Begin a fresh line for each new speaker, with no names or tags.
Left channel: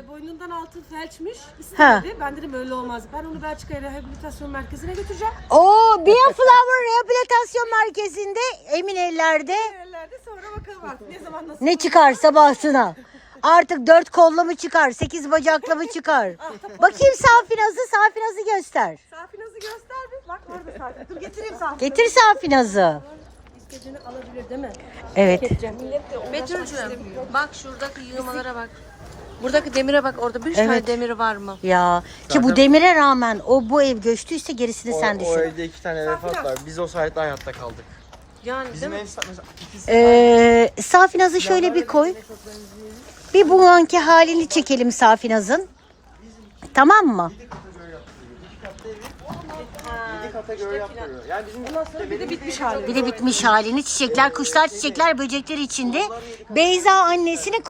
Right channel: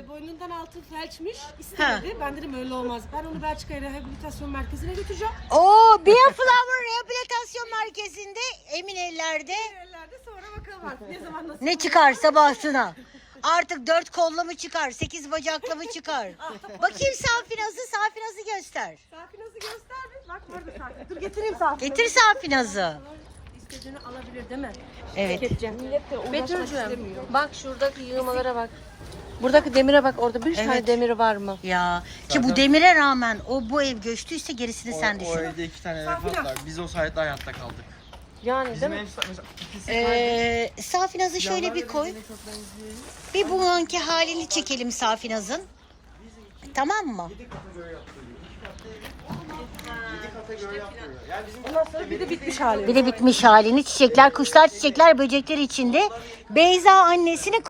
boynundan altı felçmiş. İstemedi. Ben dedim öyle olmaz. Ben onu Belçika Rehabilitasyon Merkezi'ne götüreceğim.
Oo, Bioflower Rehabilitasyon Merkezi'nde emin ellerde
Yerlerde sonra bakalım artık ne zaman nasıl.
ne çıkarsa bahsına. Artık 4 kollu mu çıkar, 8 bacaklı mı çıkar? Bakayım Safinaz'ı göster.
Safinaz'ı göster bir. Bak orada Safinaz. Dur getireyim Safinaz'ı.
Getir Safinaz'ı.
İstediğini alabilir değil mi?
Evet.
Millet de uğraşmak istemiyor.
Bak şuradaki yığmalara bak. Buradaki demire bak, orada bir tane demiri var mı?
Ya ki bu demire rağmen bu ev göçtüyse gerisini sen
O
düşün.
evde 2 tane vefat var. Biz o sayede hayatta kaldık.
Yani
Bizim
değil mi?
ev mesela ikisi
Safinaz'ı şöyle bir koy. Bir bu anki halini çekelim Safinaz'ın. Tamam mı?
Ondan sonra bir de bitmiş hali.
Bir de bitmiş halini, çiçekler, kuşlar, çiçekler, böcekler içinde. Beyza annesini